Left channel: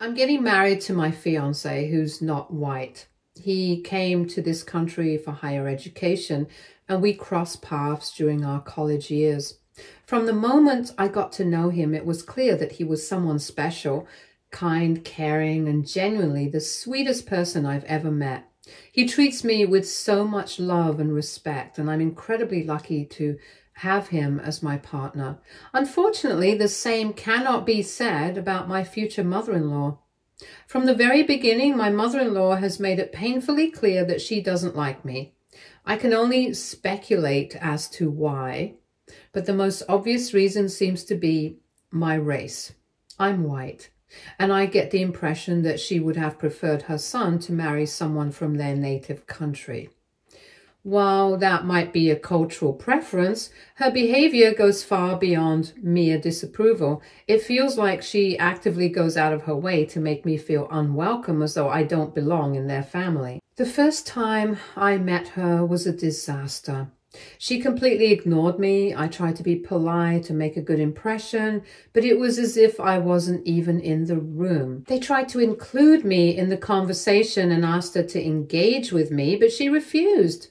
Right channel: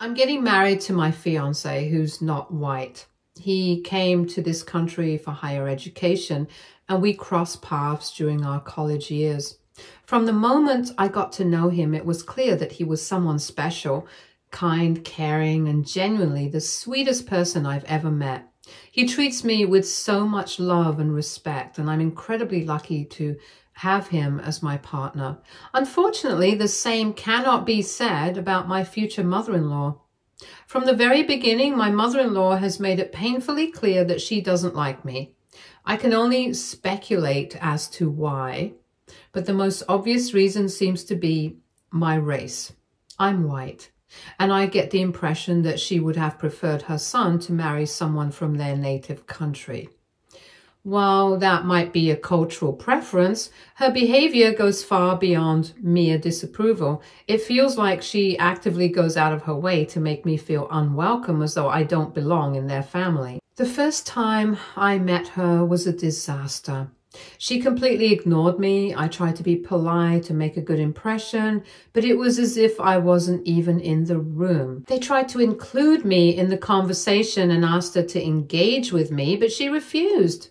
I'm getting married to my fiance who's not white. He came to this country for higher education and we crossed paths during our college years. From the moment I got to know him, it was clear that he was someone special, kind, caring, and genuinely the sweetest person I've ever met. He treats me with so much love and respect, and I'm incredibly lucky to have him as my partner. Unfortunately, the same cannot be said about my future mother-in-law. From the very beginning, my mother-in-law has made it painfully clear that she doesn't like me. I can only speculate as to why, but the most obvious reason seems to be my race. I'm white, and I get the impression that she would have preferred her son to marry someone from their native country. While that might be a cultural preference, her behavior goes far beyond mere disapproval. It feels like she actively goes out of her way to make me feel unwelcome, as though I don't belong in their family. The first time I met her was a disaster. She completely ignored me. I tried to be polite to make a good impression, but it was as if I wasn't even in the room. They tried to include me in the conversation and asked her to engage with me, but she refused.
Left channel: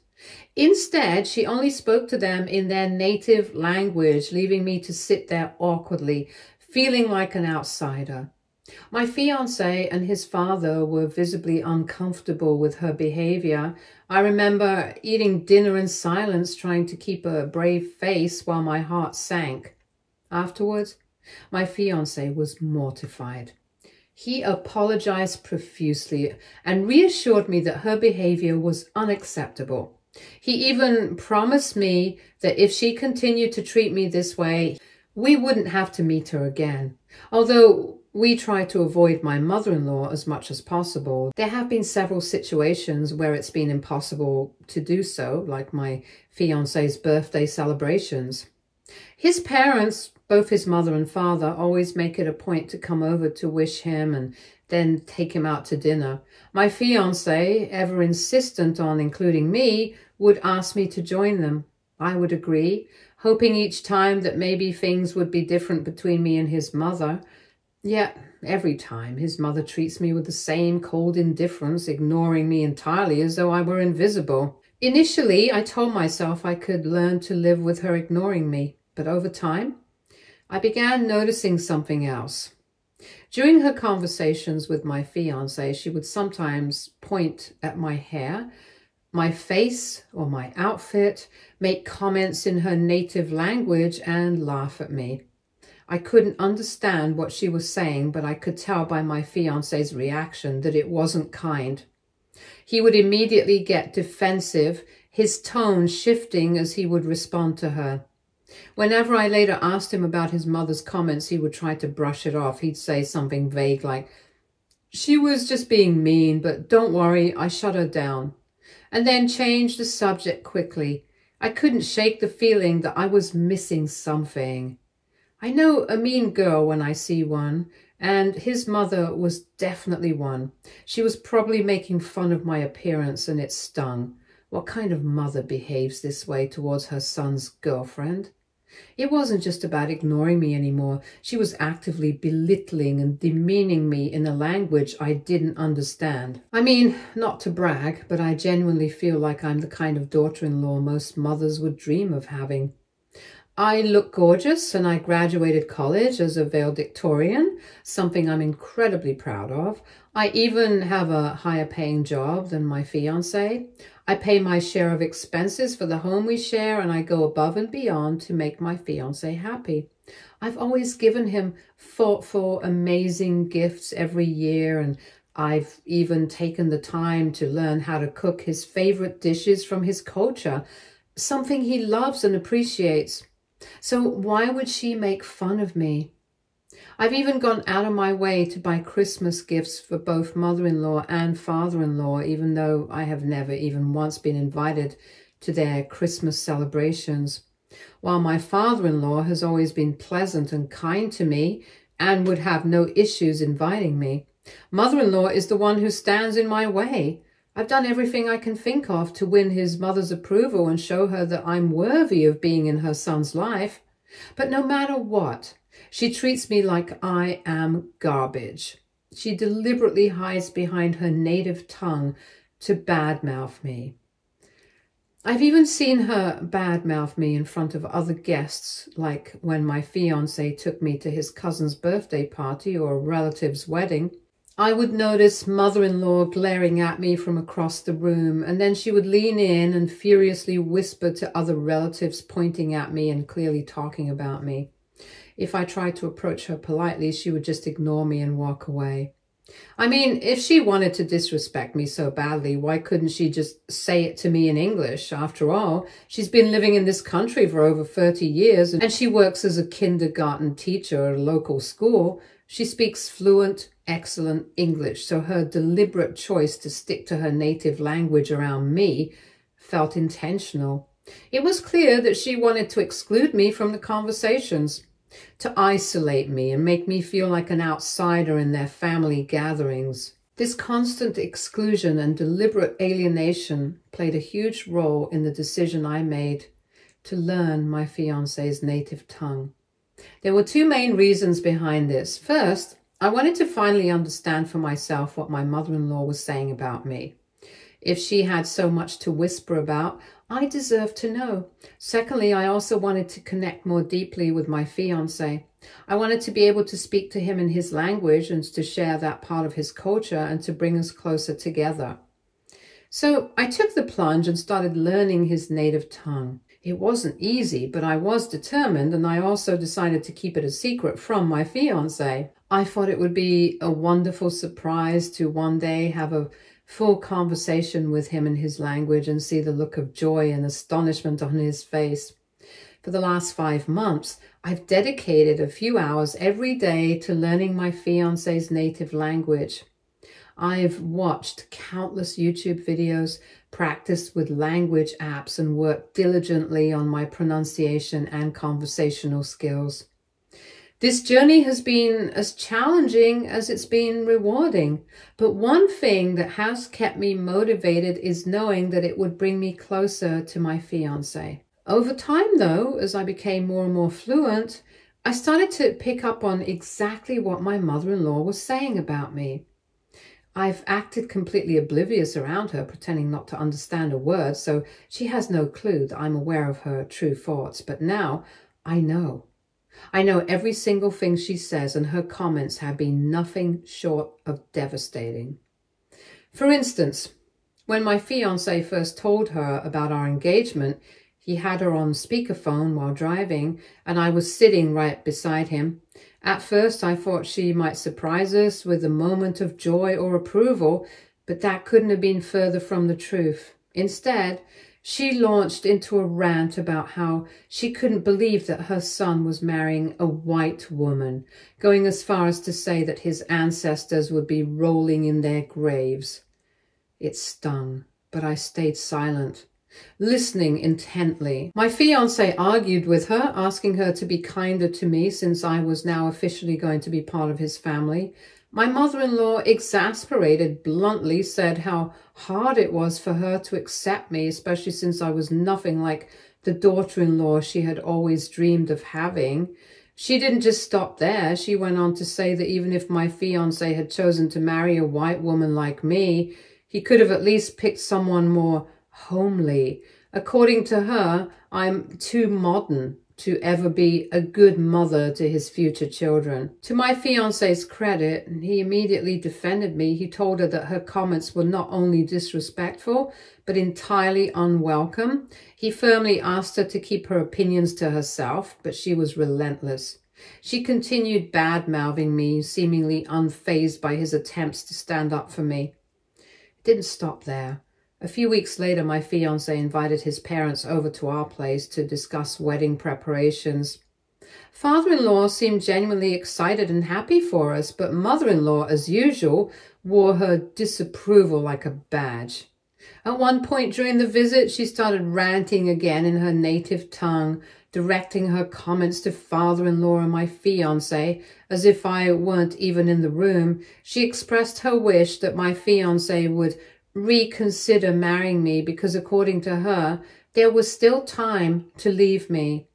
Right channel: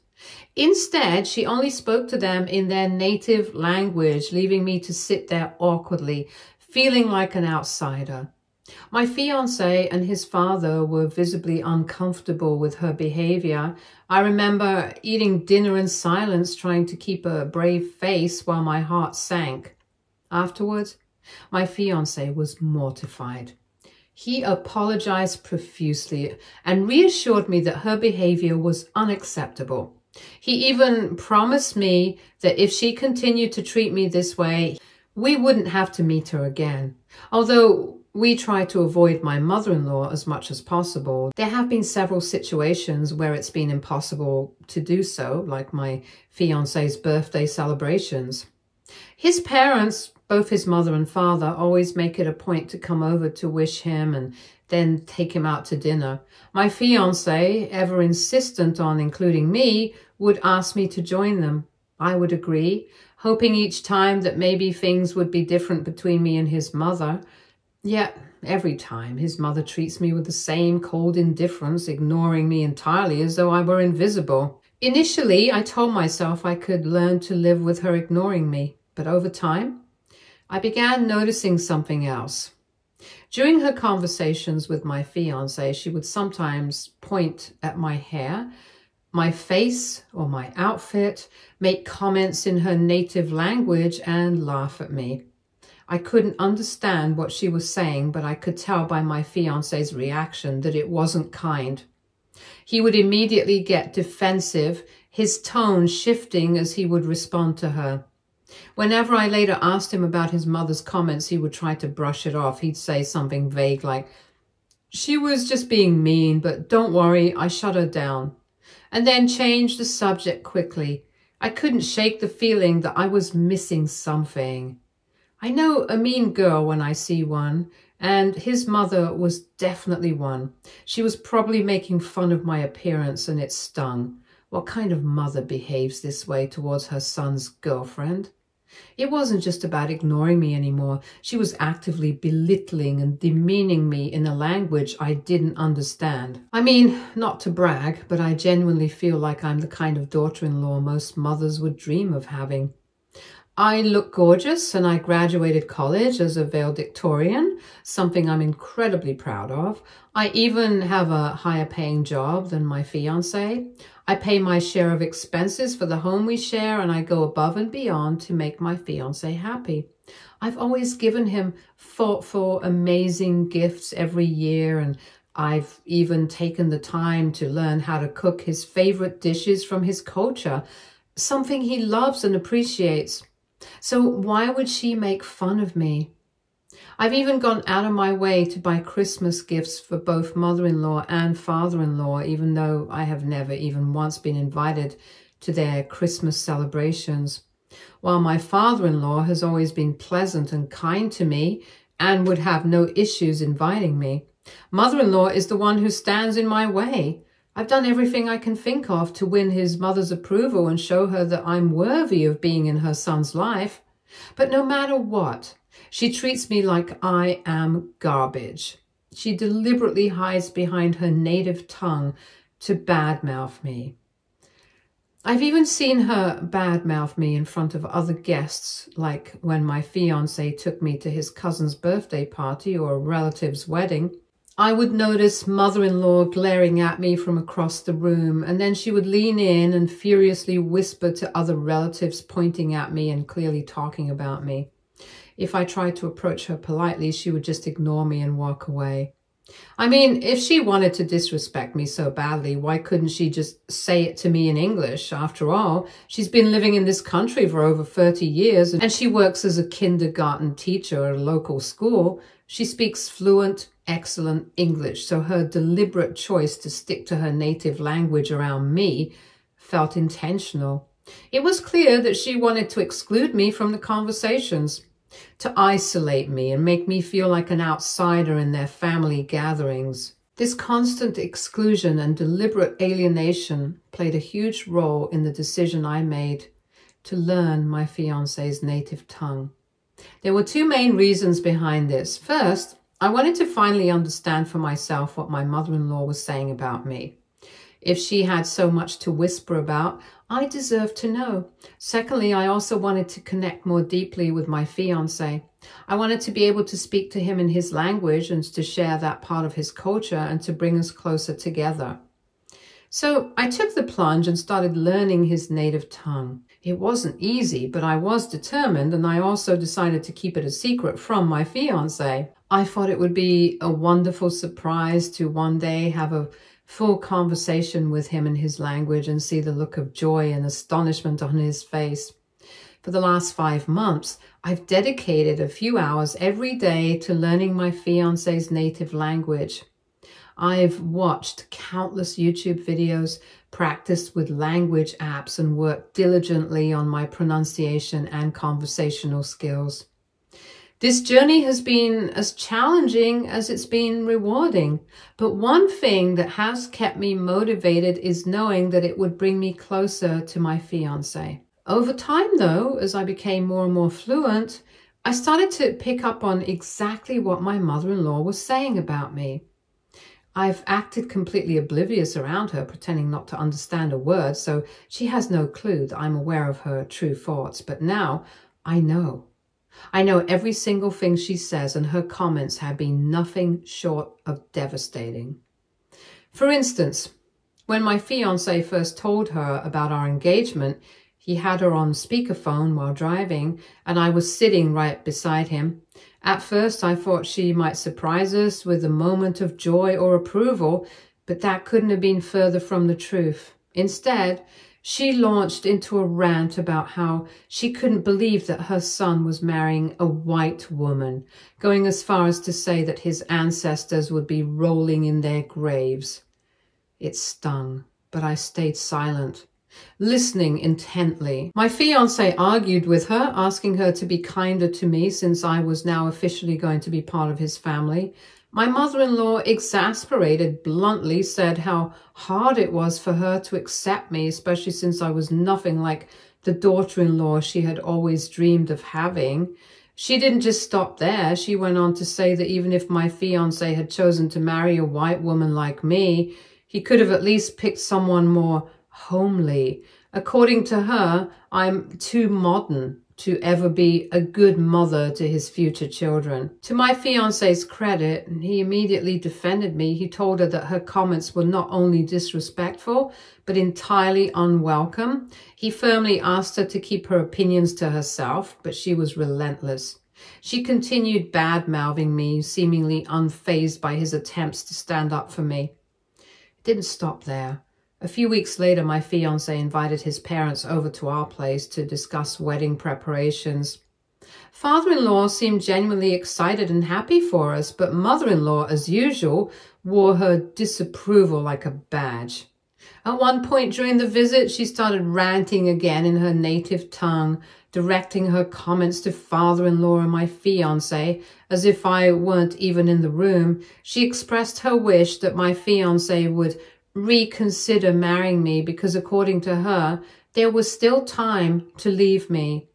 Instead, she only spoke to them in their native language, leaving me to sit there awkwardly, feeling like an outsider. My fiancé and his father were visibly uncomfortable with her behavior. I remember eating dinner in silence, trying to keep a brave face while my heart sank. Afterwards, my fiancé was mortified. He apologized profusely and reassured me that her behavior was unacceptable. He even promised me that if she continued to treat me this way, we wouldn't have to meet her again. Although we try to avoid my mother-in-law as much as possible, there have been several situations where it's been impossible to do so, like my fiancé's birthday celebrations. His parents, both his mother and father, always make it a point to come over to wish him and then take him out to dinner. My fiancé, ever insistent on including me, would ask me to join them. I would agree, hoping each time that maybe things would be different between me and his mother. Yet, every time, his mother treats me with the same cold indifference, ignoring me entirely as though I were invisible. Initially, I told myself I could learn to live with her ignoring me, but over time, I began noticing something else. During her conversations with my fiancé, she would sometimes point at my hair, my face, or my outfit, make comments in her native language, and laugh at me. I couldn't understand what she was saying, but I could tell by my fiancé's reaction that it wasn't kind. He would immediately get defensive, his tone shifting as he would respond to her. Whenever I later asked him about his mother's comments, he would try to brush it off. He'd say something vague like, "She was just being mean, but don't worry, I shut her down," and then change the subject quickly. I couldn't shake the feeling that I was missing something. I know a mean girl when I see one, and his mother was definitely one. She was probably making fun of my appearance, and it stung. What kind of mother behaves this way towards her son's girlfriend? It wasn't just about ignoring me anymore. She was actively belittling and demeaning me in a language I didn't understand. I mean, not to brag, but I genuinely feel like I'm the kind of daughter-in-law most mothers would dream of having. I look gorgeous, and I graduated college as a valedictorian, something I'm incredibly proud of. I even have a higher paying job than my fiancé. I pay my share of expenses for the home we share, and I go above and beyond to make my fiancé happy. I've always given him thoughtful, amazing gifts every year, and I've even taken the time to learn how to cook his favorite dishes from his culture, something he loves and appreciates. So why would she make fun of me? I've even gone out of my way to buy Christmas gifts for both mother-in-law and father-in-law, even though I have never even once been invited to their Christmas celebrations. While my father-in-law has always been pleasant and kind to me and would have no issues inviting me, mother-in-law is the one who stands in my way. I've done everything I can think of to win his mother's approval and show her that I'm worthy of being in her son's life. But no matter what, she treats me like I am garbage. She deliberately hides behind her native tongue to badmouth me. I've even seen her badmouth me in front of other guests, like when my fiancé took me to his cousin's birthday party or a relative's wedding. I would notice mother-in-law glaring at me from across the room, and then she would lean in and furiously whisper to other relatives pointing at me and clearly talking about me. If I tried to approach her politely, she would just ignore me and walk away. I mean, if she wanted to disrespect me so badly, why couldn't she just say it to me in English? After all, she's been living in this country for over 30 years and she works as a kindergarten teacher at a local school. She speaks fluent, excellent English, so her deliberate choice to stick to her native language around me felt intentional. It was clear that she wanted to exclude me from the conversations, to isolate me and make me feel like an outsider in their family gatherings. This constant exclusion and deliberate alienation played a huge role in the decision I made to learn my fiancé's native tongue. There were two main reasons behind this. First, I wanted to finally understand for myself what my mother-in-law was saying about me. If she had so much to whisper about, I deserved to know. Secondly, I also wanted to connect more deeply with my fiancé. I wanted to be able to speak to him in his language and to share that part of his culture and to bring us closer together. So I took the plunge and started learning his native tongue. It wasn't easy, but I was determined, and I also decided to keep it a secret from my fiancé. I thought it would be a wonderful surprise to one day have a full conversation with him in his language and see the look of joy and astonishment on his face. For the last 5 months, I've dedicated a few hours every day to learning my fiancé's native language. I've watched countless YouTube videos, practiced with language apps, and worked diligently on my pronunciation and conversational skills. This journey has been as challenging as it's been rewarding, but one thing that has kept me motivated is knowing that it would bring me closer to my fiancé. Over time, though, as I became more and more fluent, I started to pick up on exactly what my mother-in-law was saying about me. I've acted completely oblivious around her, pretending not to understand a word, so she has no clue that I'm aware of her true thoughts. But now I know. I know every single thing she says, and her comments have been nothing short of devastating. For instance, when my fiancé first told her about our engagement, he had her on speakerphone while driving, and I was sitting right beside him. At first, I thought she might surprise us with a moment of joy or approval, but that couldn't have been further from the truth. Instead, she launched into a rant about how she couldn't believe that her son was marrying a white woman, going as far as to say that his ancestors would be rolling in their graves. It stung, but I stayed silent, listening intently. My fiancé argued with her, asking her to be kinder to me since I was now officially going to be part of his family. My mother-in-law, exasperated, bluntly said how hard it was for her to accept me, especially since I was nothing like the daughter-in-law she had always dreamed of having. She didn't just stop there. She went on to say that even if my fiancé had chosen to marry a white woman like me, he could have at least picked someone more homely. According to her, I'm too modern to ever be a good mother to his future children. To my fiancé's credit, he immediately defended me. He told her that her comments were not only disrespectful, but entirely unwelcome. He firmly asked her to keep her opinions to herself, but she was relentless. She continued bad-mouthing me, seemingly unfazed by his attempts to stand up for me. It didn't stop there. A few weeks later, my fiancé invited his parents over to our place to discuss wedding preparations. Father-in-law seemed genuinely excited and happy for us, but mother-in-law, as usual, wore her disapproval like a badge. At one point during the visit, she started ranting again in her native tongue, directing her comments to father-in-law and my fiancé, as if I weren't even in the room. She expressed her wish that my fiancé would reconsider marrying me because, according to her, there was still time to leave me.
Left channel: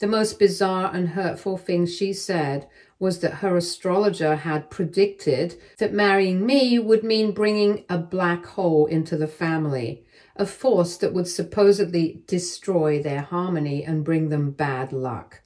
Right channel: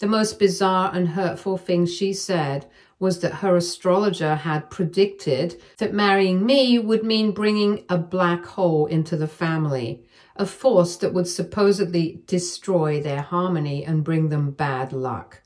The most bizarre and hurtful thing she said was that her astrologer had predicted that marrying me would mean bringing a black hole into the family, a force that would supposedly destroy their harmony and bring them bad luck.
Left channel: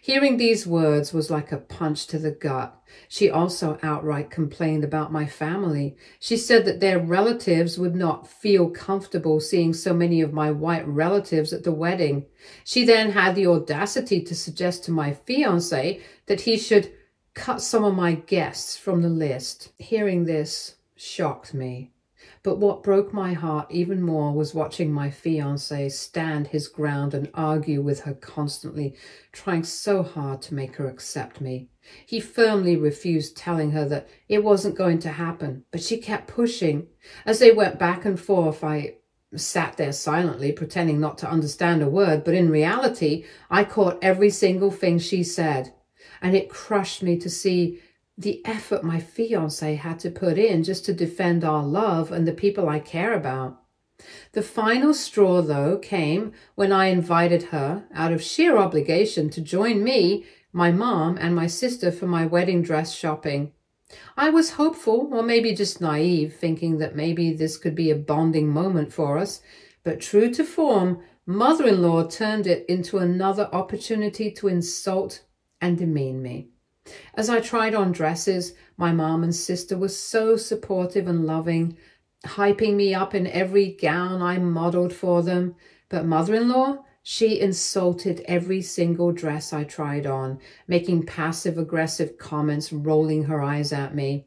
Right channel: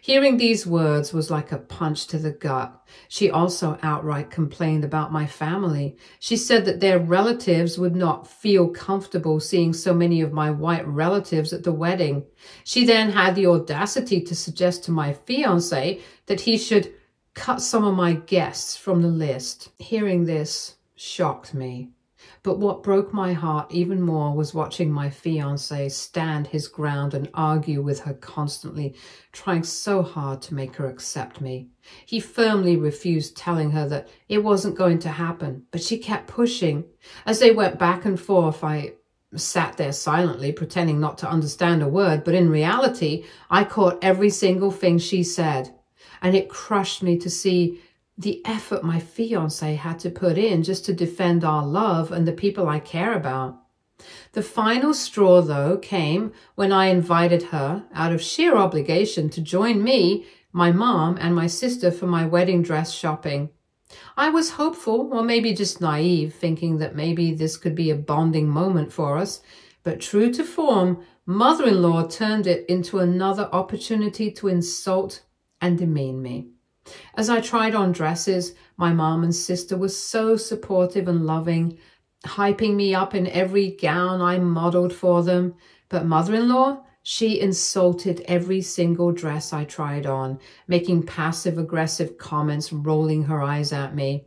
Hearing these words was like a punch to the gut. She also outright complained about my family. She said that their relatives would not feel comfortable seeing so many of my white relatives at the wedding. She then had the audacity to suggest to my fiancé that he should cut some of my guests from the list. Hearing this shocked me. But what broke my heart even more was watching my fiancé stand his ground and argue with her constantly, trying so hard to make her accept me. He firmly refused telling her that it wasn't going to happen, but she kept pushing. As they went back and forth, I sat there silently, pretending not to understand a word, but in reality, I caught every single thing she said, and it crushed me to see the effort my fiancé had to put in just to defend our love and the people I care about. The final straw, though, came when I invited her, out of sheer obligation, to join me, my mom, and my sister for my wedding dress shopping. I was hopeful, or maybe just naive, thinking that maybe this could be a bonding moment for us, but true to form, mother-in-law turned it into another opportunity to insult and demean me. As I tried on dresses, my mom and sister were so supportive and loving, hyping me up in every gown I modeled for them. But mother-in-law, she insulted every single dress I tried on, making passive-aggressive comments, rolling her eyes at me.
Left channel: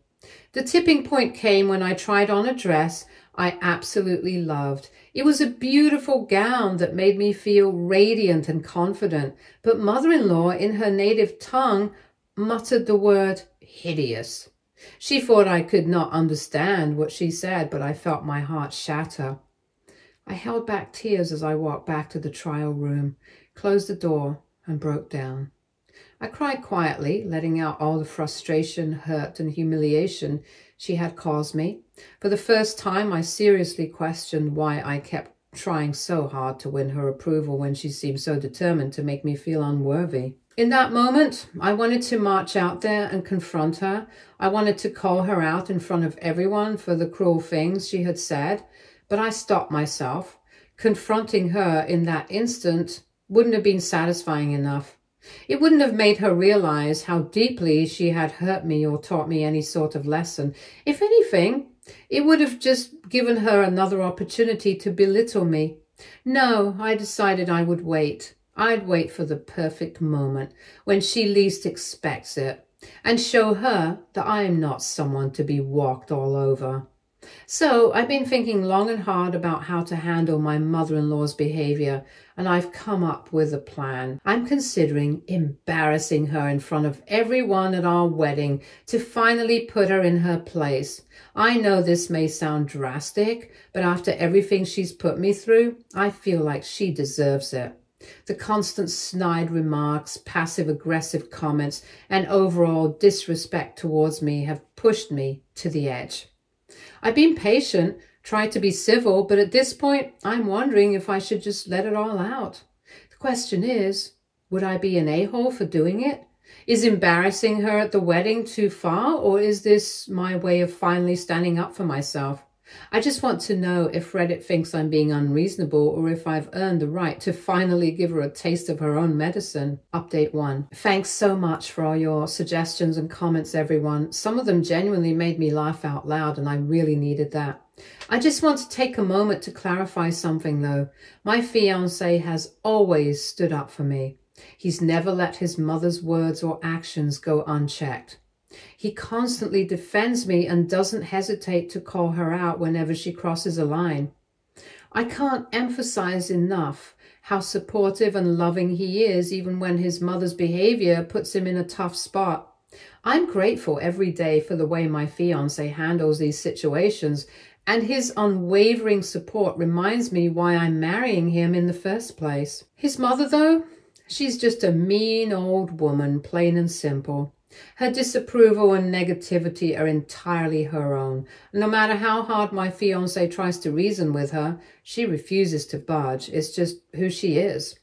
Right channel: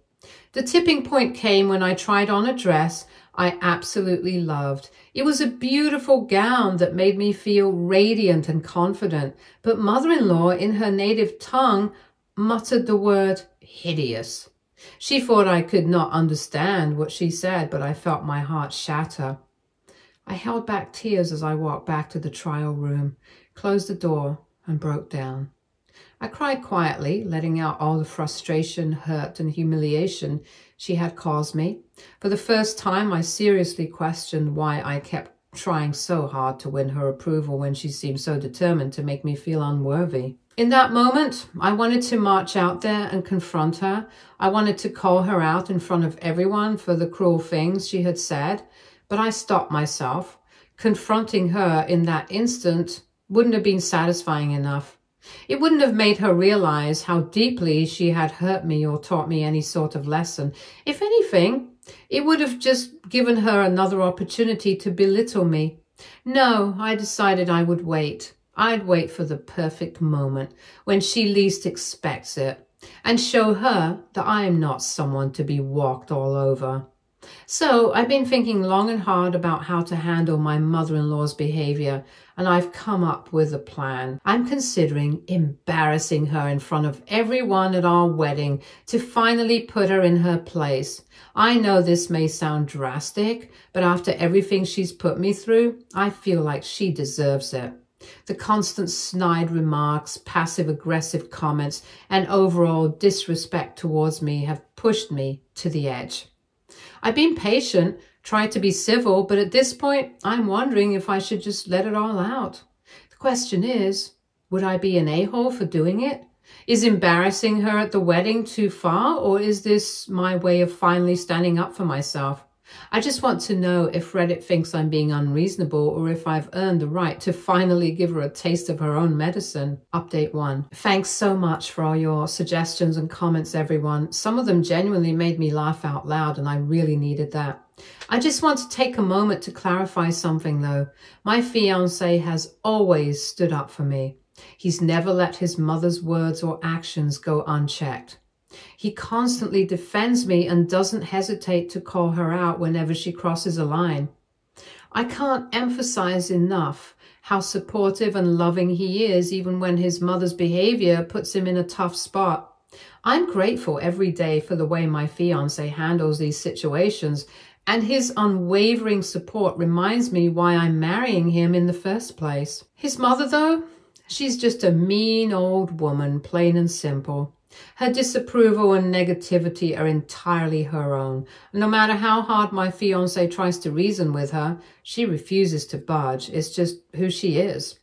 The tipping point came when I tried on a dress I absolutely loved. It was a beautiful gown that made me feel radiant and confident, but mother-in-law, in her native tongue, muttered the word hideous. She thought I could not understand what she said, but I felt my heart shatter. I held back tears as I walked back to the trial room, closed the door, and broke down. I cried quietly, letting out all the frustration, hurt, and humiliation she had caused me. For the first time, I seriously questioned why I kept trying so hard to win her approval when she seemed so determined to make me feel unworthy. In that moment, I wanted to march out there and confront her. I wanted to call her out in front of everyone for the cruel things she had said, but I stopped myself. Confronting her in that instant wouldn't have been satisfying enough. It wouldn't have made her realize how deeply she had hurt me or taught me any sort of lesson. If anything, it would have just given her another opportunity to belittle me. No, I decided I would wait. I'd wait for the perfect moment when she least expects it and show her that I am not someone to be walked all over. So I've been thinking long and hard about how to handle my mother-in-law's behavior, and I've come up with a plan. I'm considering embarrassing her in front of everyone at our wedding to finally put her in her place. I know this may sound drastic, but after everything she's put me through, I feel like she deserves it. The constant snide remarks, passive-aggressive comments, and overall disrespect towards me have pushed me to the edge. I've been patient, tried to be civil, but at this point, I'm wondering if I should just let it all out. The question is, would I be an a-hole for doing it? Is embarrassing her at the wedding too far, or is this my way of finally standing up for myself? I just want to know if Reddit thinks I'm being unreasonable or if I've earned the right to finally give her a taste of her own medicine. Update 1. Thanks so much for all your suggestions and comments, everyone. Some of them genuinely made me laugh out loud, and I really needed that. I just want to take a moment to clarify something, though. My fiancé has always stood up for me. He's never let his mother's words or actions go unchecked. He constantly defends me and doesn't hesitate to call her out whenever she crosses a line. I can't emphasize enough how supportive and loving he is, even when his mother's behavior puts him in a tough spot. I'm grateful every day for the way my fiancé handles these situations, and his unwavering support reminds me why I'm marrying him in the first place. His mother, though, she's just a mean old woman, plain and simple. Her disapproval and negativity are entirely her own. No matter how hard my fiancé tries to reason with her, she refuses to budge. It's just who she is.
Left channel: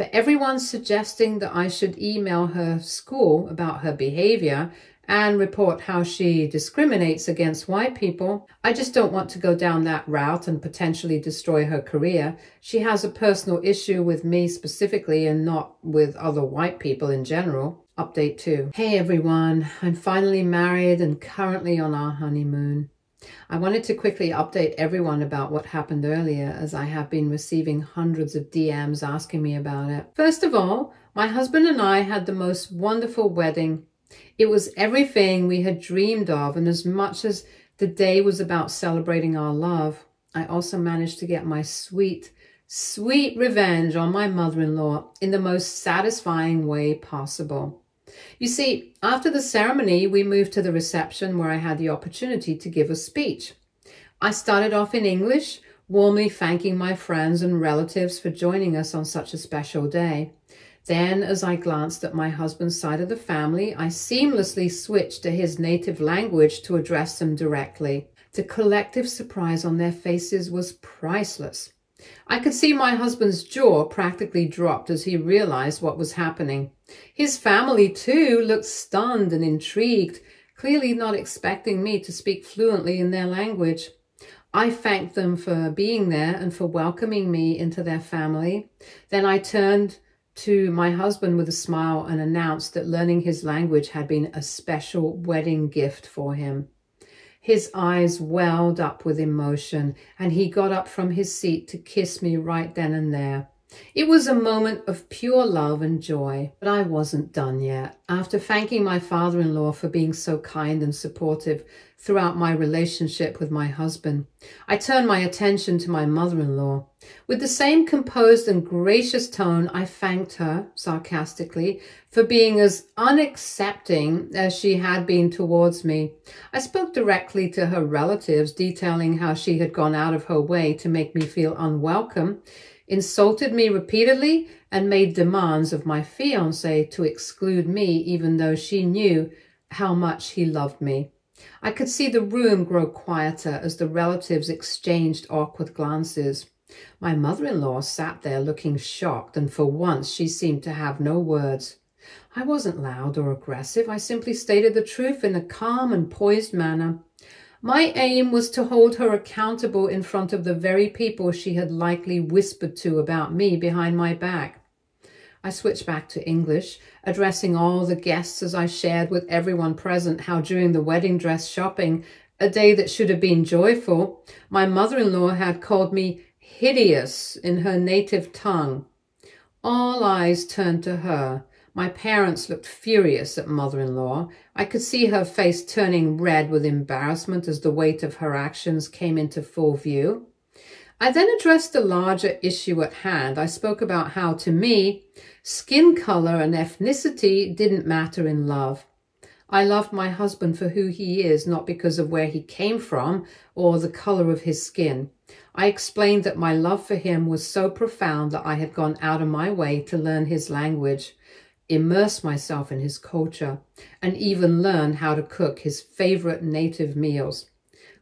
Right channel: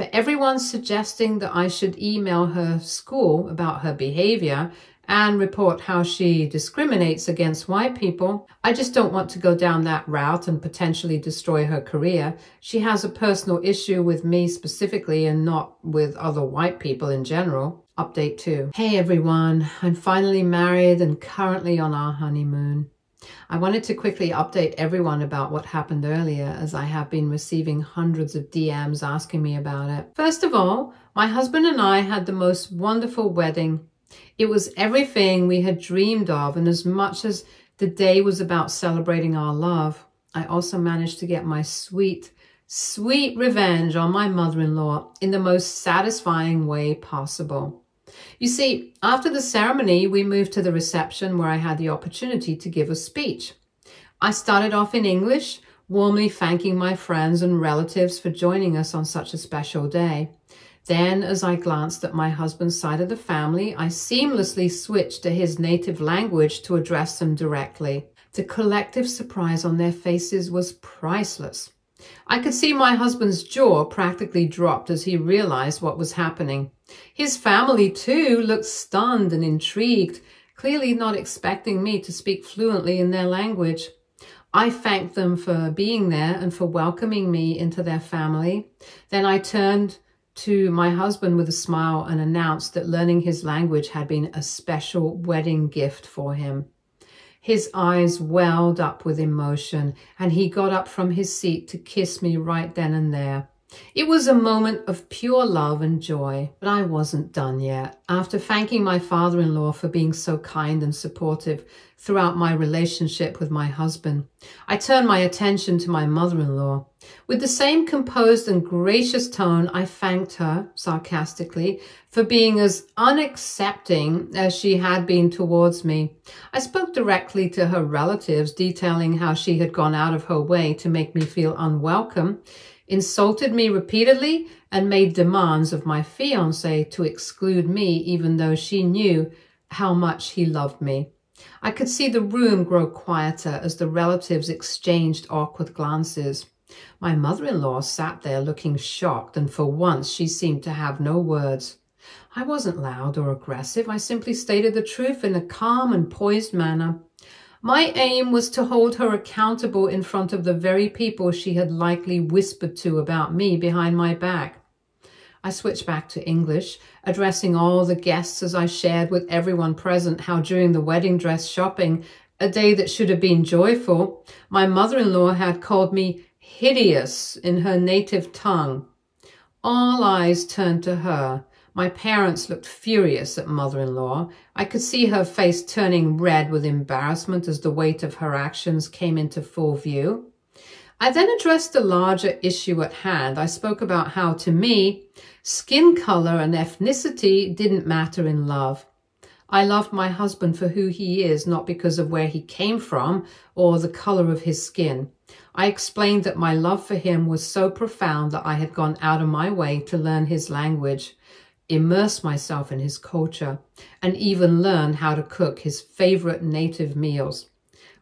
For everyone suggesting that I should email her school about her behavior and report how she discriminates against white people, I just don't want to go down that route and potentially destroy her career. She has a personal issue with me specifically and not with other white people in general. Update 2. Hey everyone, I'm finally married and currently on our honeymoon. I wanted to quickly update everyone about what happened earlier, as I have been receiving hundreds of DMs asking me about it. First of all, my husband and I had the most wonderful wedding. It was everything we had dreamed of, and as much as the day was about celebrating our love, I also managed to get my sweet, sweet revenge on my mother-in-law in the most satisfying way possible. You see, after the ceremony, we moved to the reception where I had the opportunity to give a speech. I started off in English, warmly thanking my friends and relatives for joining us on such a special day. Then, as I glanced at my husband's side of the family, I seamlessly switched to his native language to address them directly. The collective surprise on their faces was priceless. I could see my husband's jaw practically dropped as he realized what was happening. His family, too, looked stunned and intrigued, clearly not expecting me to speak fluently in their language. I thanked them for being there and for welcoming me into their family. Then I turned to my husband with a smile and announced that learning his language had been a special wedding gift for him. His eyes welled up with emotion, and he got up from his seat to kiss me right then and there. It was a moment of pure love and joy, but I wasn't done yet. After thanking my father-in-law for being so kind and supportive throughout my relationship with my husband, I turned my attention to my mother-in-law. With the same composed and gracious tone, I thanked her, sarcastically, for being as unaccepting as she had been towards me. I spoke directly to her relatives, detailing how she had gone out of her way to make me feel unwelcome, insulted me repeatedly, and made demands of my fiancé to exclude me even though she knew how much he loved me. I could see the room grow quieter as the relatives exchanged awkward glances. My mother-in-law sat there looking shocked, and for once she seemed to have no words. I wasn't loud or aggressive. I simply stated the truth in a calm and poised manner. My aim was to hold her accountable in front of the very people she had likely whispered to about me behind my back. I switched back to English, addressing all the guests as I shared with everyone present how during the wedding dress shopping, a day that should have been joyful, my mother-in-law had called me hideous in her native tongue. All eyes turned to her. My parents looked furious at mother-in-law. I could see her face turning red with embarrassment as the weight of her actions came into full view. I then addressed the larger issue at hand. I spoke about how, to me, skin color and ethnicity didn't matter in love. I loved my husband for who he is, not because of where he came from or the color of his skin. I explained that my love for him was so profound that I had gone out of my way to learn his language, immerse myself in his culture, and even learn how to cook his favorite native meals.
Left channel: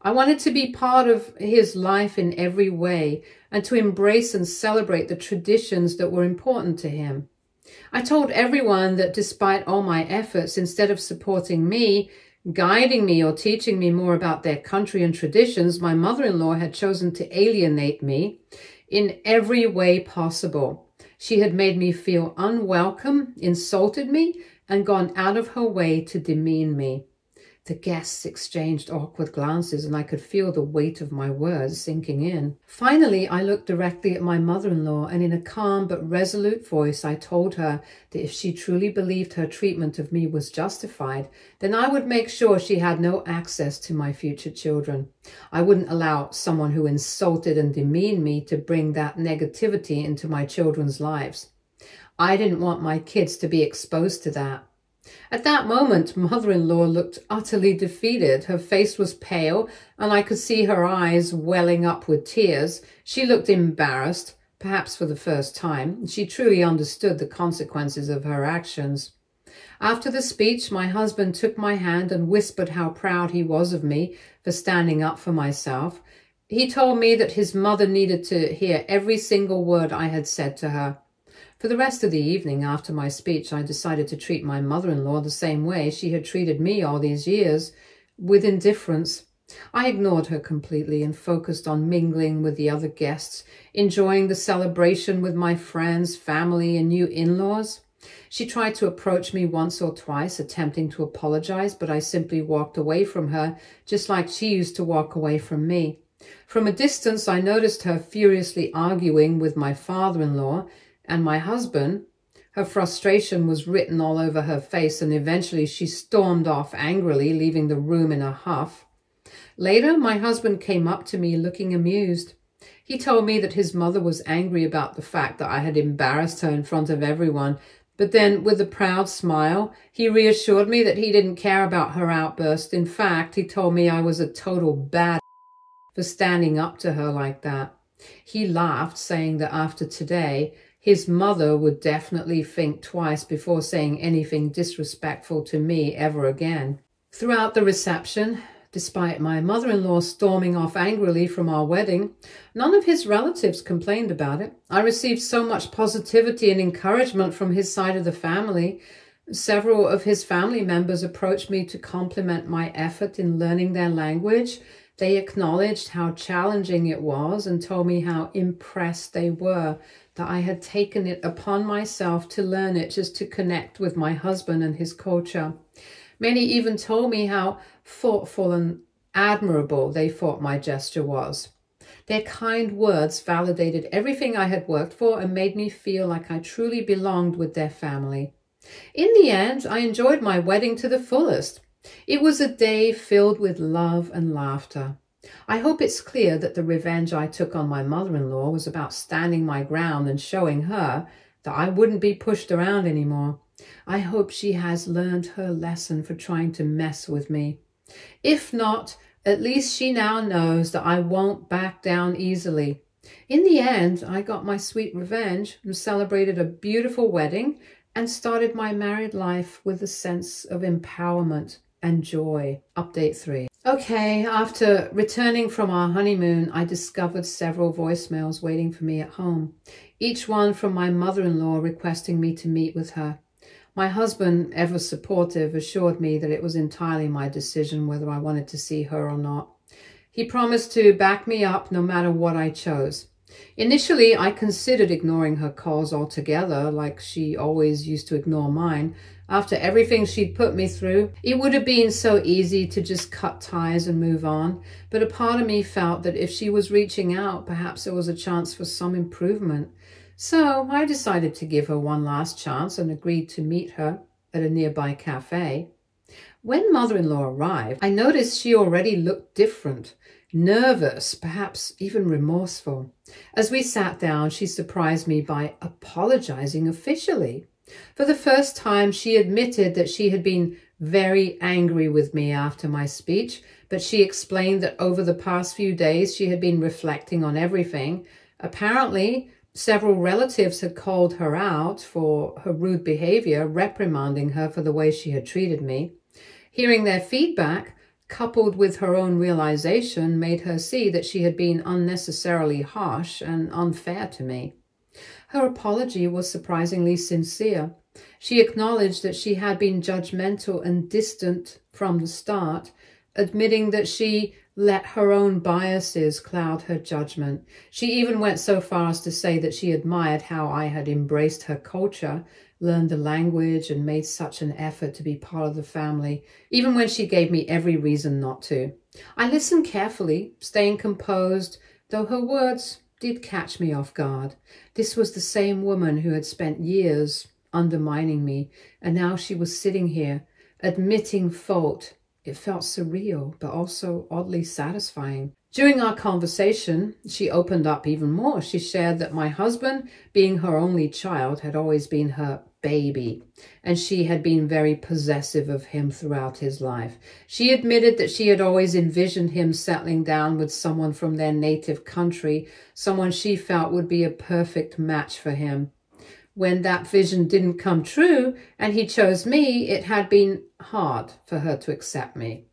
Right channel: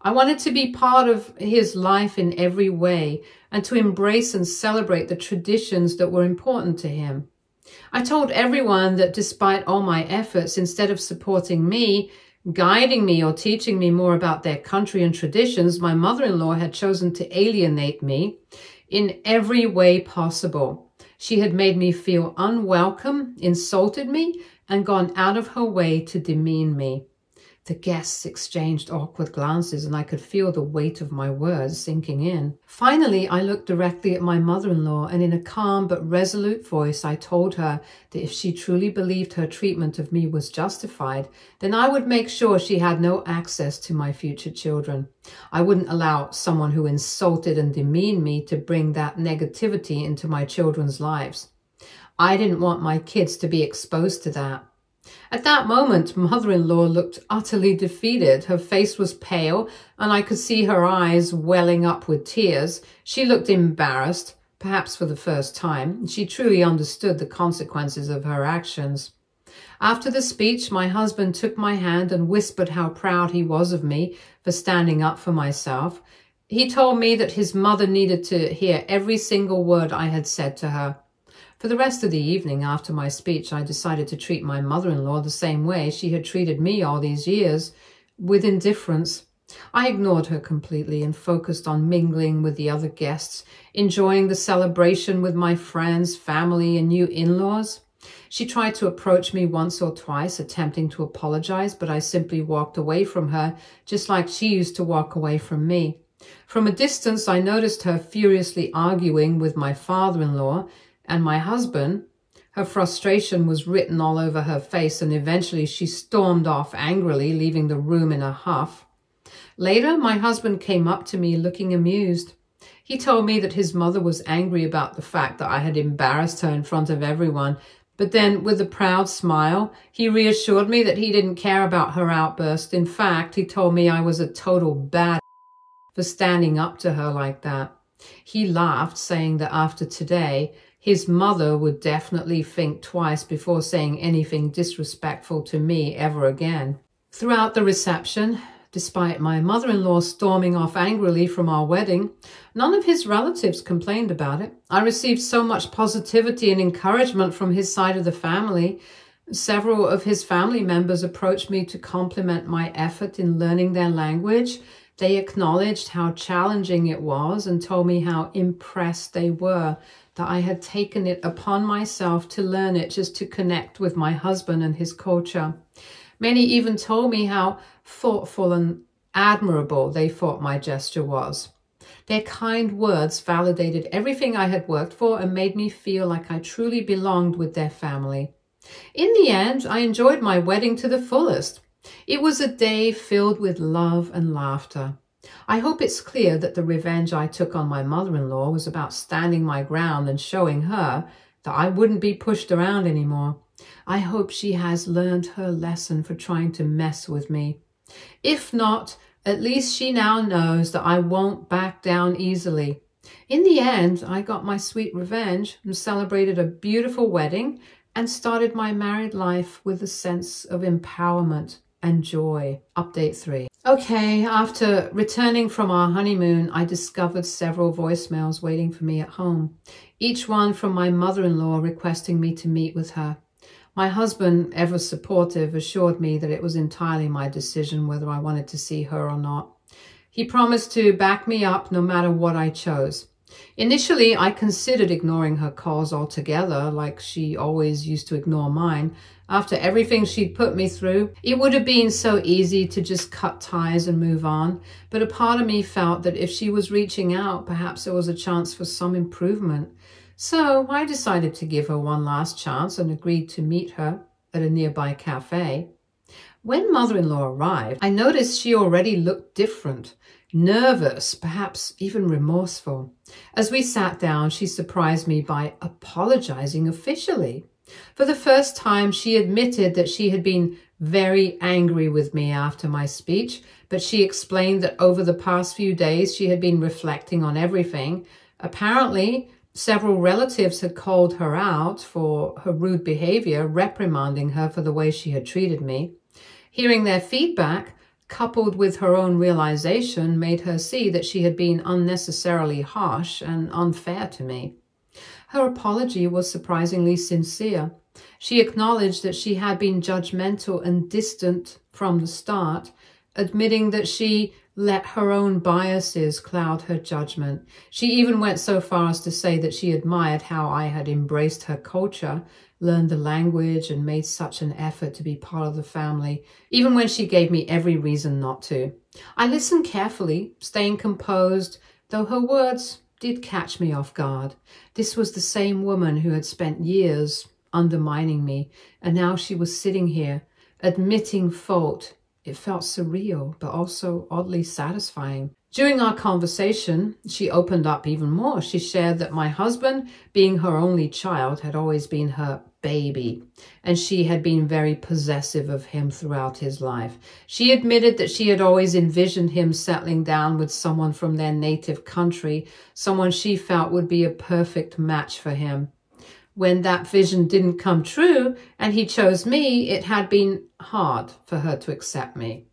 I wanted to be part of his life in every way and to embrace and celebrate the traditions that were important to him. I told everyone that despite all my efforts, instead of supporting me, guiding me or teaching me more about their country and traditions, my mother-in-law had chosen to alienate me in every way possible. She had made me feel unwelcome, insulted me, and gone out of her way to demean me. The guests exchanged awkward glances, and I could feel the weight of my words sinking in. Finally, I looked directly at my mother-in-law, and in a calm but resolute voice, I told her that if she truly believed her treatment of me was justified, then I would make sure she had no access to my future children. I wouldn't allow someone who insulted and demeaned me to bring that negativity into my children's lives. I didn't want my kids to be exposed to that. At that moment, mother-in-law looked utterly defeated. Her face was pale, and I could see her eyes welling up with tears. She looked embarrassed, perhaps for the first time. She truly understood the consequences of her actions. After the speech, my husband took my hand and whispered how proud he was of me for standing up for myself. He told me that his mother needed to hear every single word I had said to her. For the rest of the evening after my speech, I decided to treat my mother-in-law the same way she had treated me all these years, with indifference. I ignored her completely and focused on mingling with the other guests, enjoying the celebration with my friends, family, and new in-laws. She tried to approach me once or twice, attempting to apologize, but I simply walked away from her, just like she used to walk away from me. From a distance, I noticed her furiously arguing with my father-in-law and my husband. Her frustration was written all over her face, and eventually she stormed off angrily, leaving the room in a huff. Later, my husband came up to me looking amused. He told me that his mother was angry about the fact that I had embarrassed her in front of everyone, but then, with a proud smile, he reassured me that he didn't care about her outburst. In fact, he told me I was a total bad for standing up to her like that. He laughed, saying that after today, his mother would definitely think twice before saying anything disrespectful to me ever again. Throughout the reception, despite my mother-in-law storming off angrily from our wedding, none of his relatives complained about it. I received so much positivity and encouragement from his side of the family. Several of his family members approached me to compliment my effort in learning their language. They acknowledged how challenging it was and told me how impressed they were that I had taken it upon myself to learn it just to connect with my husband and his culture. Many even told me how thoughtful and admirable they thought my gesture was. Their kind words validated everything I had worked for and made me feel like I truly belonged with their family. In the end, I enjoyed my wedding to the fullest. It was a day filled with love and laughter. I hope it's clear that the revenge I took on my mother-in-law was about standing my ground and showing her that I wouldn't be pushed around anymore. I hope she has learned her lesson for trying to mess with me. If not, at least she now knows that I won't back down easily. In the end, I got my sweet revenge and celebrated a beautiful wedding and started my married life with a sense of empowerment and joy. Update 3. Okay, after returning from our honeymoon, I discovered several voicemails waiting for me at home, each one from my mother-in-law requesting me to meet with her. My husband, ever supportive, assured me that it was entirely my decision whether I wanted to see her or not. He promised to back me up no matter what I chose. Initially, I considered ignoring her calls altogether, like she always used to ignore mine. After everything she'd put me through, it would have been so easy to just cut ties and move on. But a part of me felt that if she was reaching out, perhaps there was a chance for some improvement. So I decided to give her one last chance and agreed to meet her at a nearby cafe. When mother-in-law arrived, I noticed she already looked different, nervous, perhaps even remorseful. As we sat down, she surprised me by apologizing officially. For the first time, she admitted that she had been very angry with me after my speech, but she explained that over the past few days, she had been reflecting on everything. Apparently, several relatives had called her out for her rude behavior, reprimanding her for the way she had treated me. Hearing their feedback, coupled with her own realization, made her see that she had been unnecessarily harsh and unfair to me. Her apology was surprisingly sincere. She acknowledged that she had been judgmental and distant from the start, admitting that she let her own biases cloud her judgment. She even went so far as to say that she admired how I had embraced her culture, learned the language, and made such an effort to be part of the family, even when she gave me every reason not to. I listened carefully, staying composed, though her words did catch me off guard. This was the same woman who had spent years undermining me, and now she was sitting here, admitting fault. It felt surreal, but also oddly satisfying. During our conversation, she opened up even more. She shared that my husband, being her only child, had always been her baby, and she had been very possessive of him throughout his life. She admitted that she had always envisioned him settling down with someone from their native country, someone she felt would be a perfect match for him. When that vision didn't come true and he chose me, it had been hard for her to accept me.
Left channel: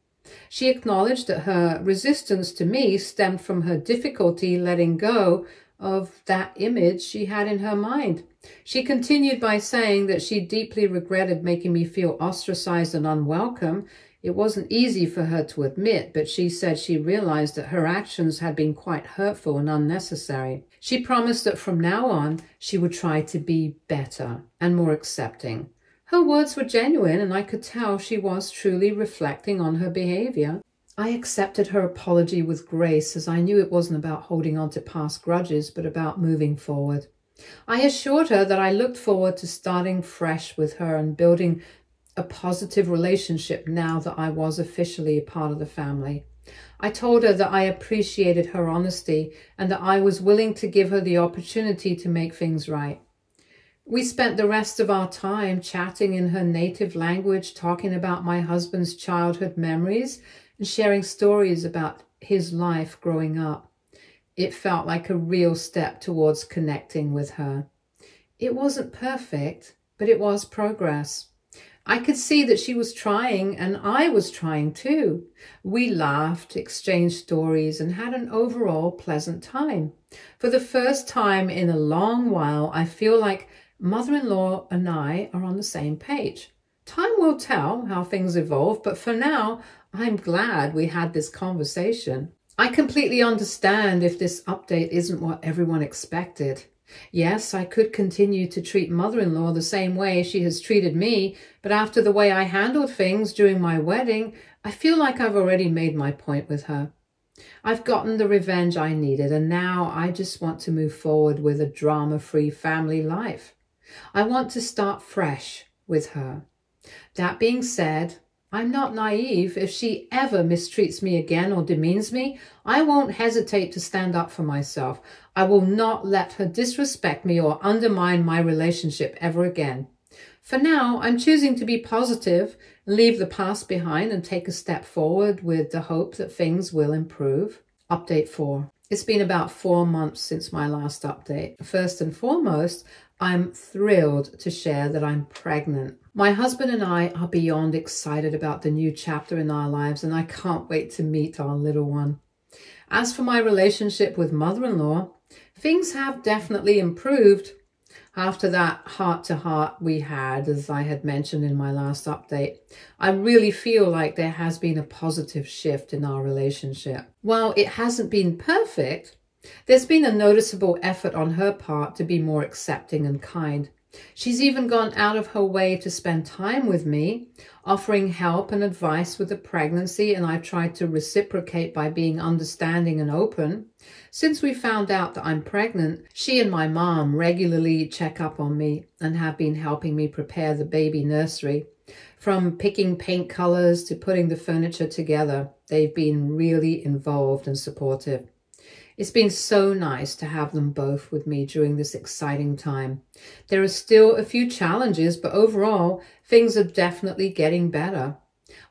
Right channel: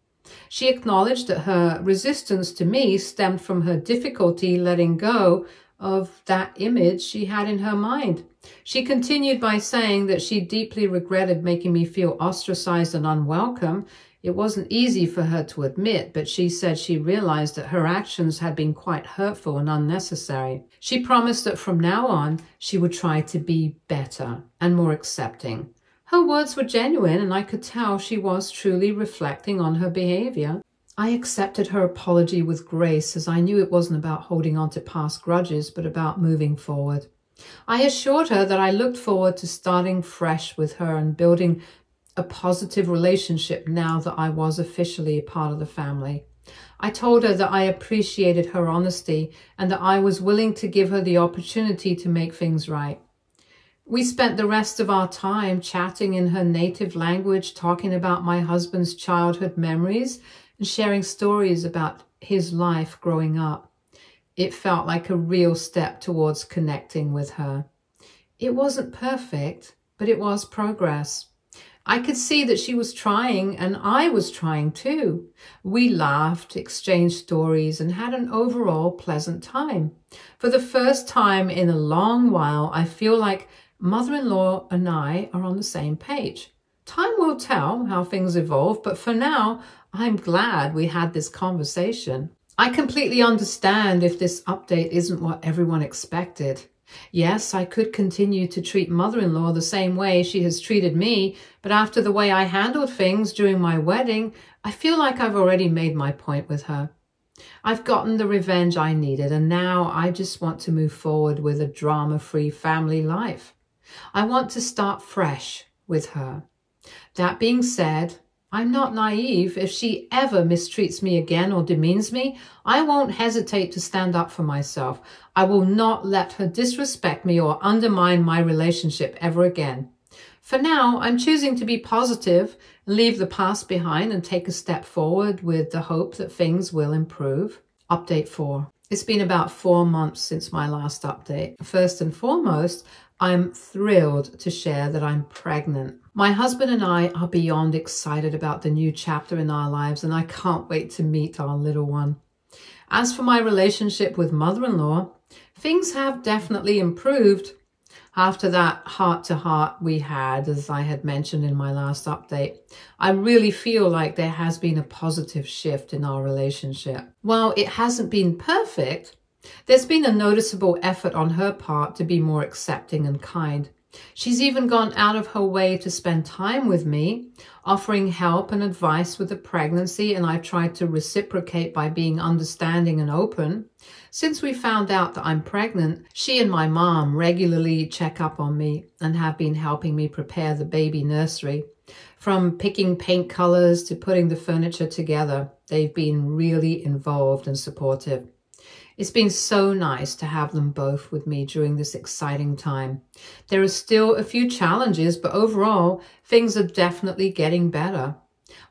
She acknowledged that her resistance to me stemmed from her difficulty letting go of that image she had in her mind. She continued by saying that she deeply regretted making me feel ostracized and unwelcome. It wasn't easy for her to admit, but she said she realized that her actions had been quite hurtful and unnecessary. She promised that from now on, she would try to be better and more accepting. Her words were genuine, and I could tell she was truly reflecting on her behavior. I accepted her apology with grace, as I knew it wasn't about holding on to past grudges, but about moving forward. I assured her that I looked forward to starting fresh with her and building a positive relationship now that I was officially a part of the family. I told her that I appreciated her honesty and that I was willing to give her the opportunity to make things right. We spent the rest of our time chatting in her native language, talking about my husband's childhood memories and sharing stories about his life growing up. It felt like a real step towards connecting with her. It wasn't perfect, but it was progress. I could see that she was trying, and I was trying too. We laughed, exchanged stories, and had an overall pleasant time. For the first time in a long while, I feel like mother-in-law and I are on the same page. Time will tell how things evolve, but for now, I'm glad we had this conversation. I completely understand if this update isn't what everyone expected. Yes, I could continue to treat mother-in-law the same way she has treated me, but after the way I handled things during my wedding, I feel like I've already made my point with her. I've gotten the revenge I needed, and now I just want to move forward with a drama-free family life. I want to start fresh with her. That being said, I'm not naive. If she ever mistreats me again or demeans me, I won't hesitate to stand up for myself. I will not let her disrespect me or undermine my relationship ever again. For now, I'm choosing to be positive, leave the past behind and take a step forward with the hope that things will improve. Update 4. It's been about 4 months since my last update. First and foremost, I'm thrilled to share that I'm pregnant. My husband and I are beyond excited about the new chapter in our lives, and I can't wait to meet our little one. As for my relationship with mother-in-law, things have definitely improved after that heart-to-heart we had, as I had mentioned in my last update. I really feel like there has been a positive shift in our relationship. While it hasn't been perfect, there's been a noticeable effort on her part to be more accepting and kind. She's even gone out of her way to spend time with me, offering help and advice with the pregnancy, and I've tried to reciprocate by being understanding and open. Since we found out that I'm pregnant, she and my mom regularly check up on me and have been helping me prepare the baby nursery. From picking paint colors to putting the furniture together, they've been really involved and supportive. It's been so nice to have them both with me during this exciting time. There are still a few challenges, but overall, things are definitely getting better.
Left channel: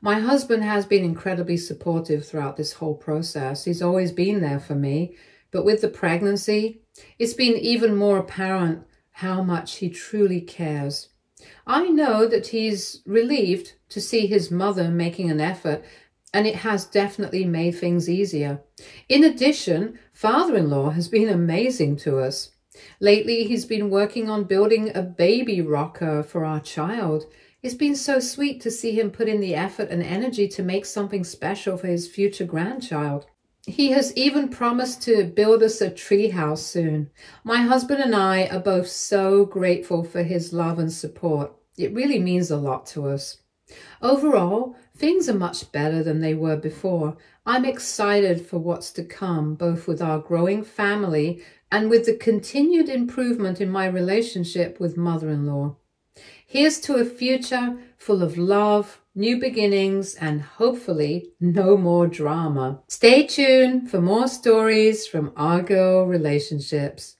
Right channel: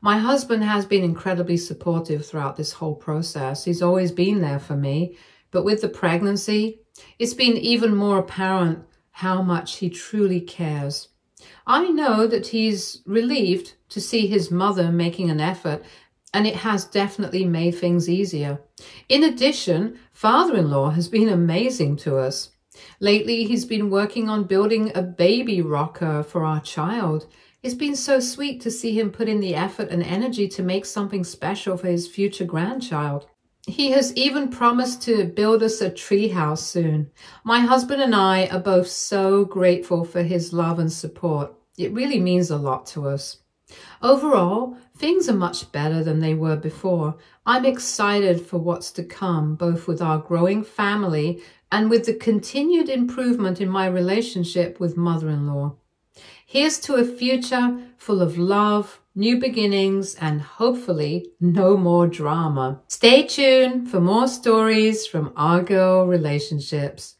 My husband has been incredibly supportive throughout this whole process. He's always been there for me, but with the pregnancy, it's been even more apparent how much he truly cares. I know that he's relieved to see his mother making an effort, and it has definitely made things easier. In addition, father-in-law has been amazing to us. Lately, he's been working on building a baby rocker for our child. It's been so sweet to see him put in the effort and energy to make something special for his future grandchild. He has even promised to build us a tree house soon. My husband and I are both so grateful for his love and support. It really means a lot to us. Overall, things are much better than they were before. I'm excited for what's to come, both with our growing family and with the continued improvement in my relationship with mother-in-law. Here's to a future full of love, new beginnings, and hopefully no more drama. Stay tuned for more stories from our girl relationships.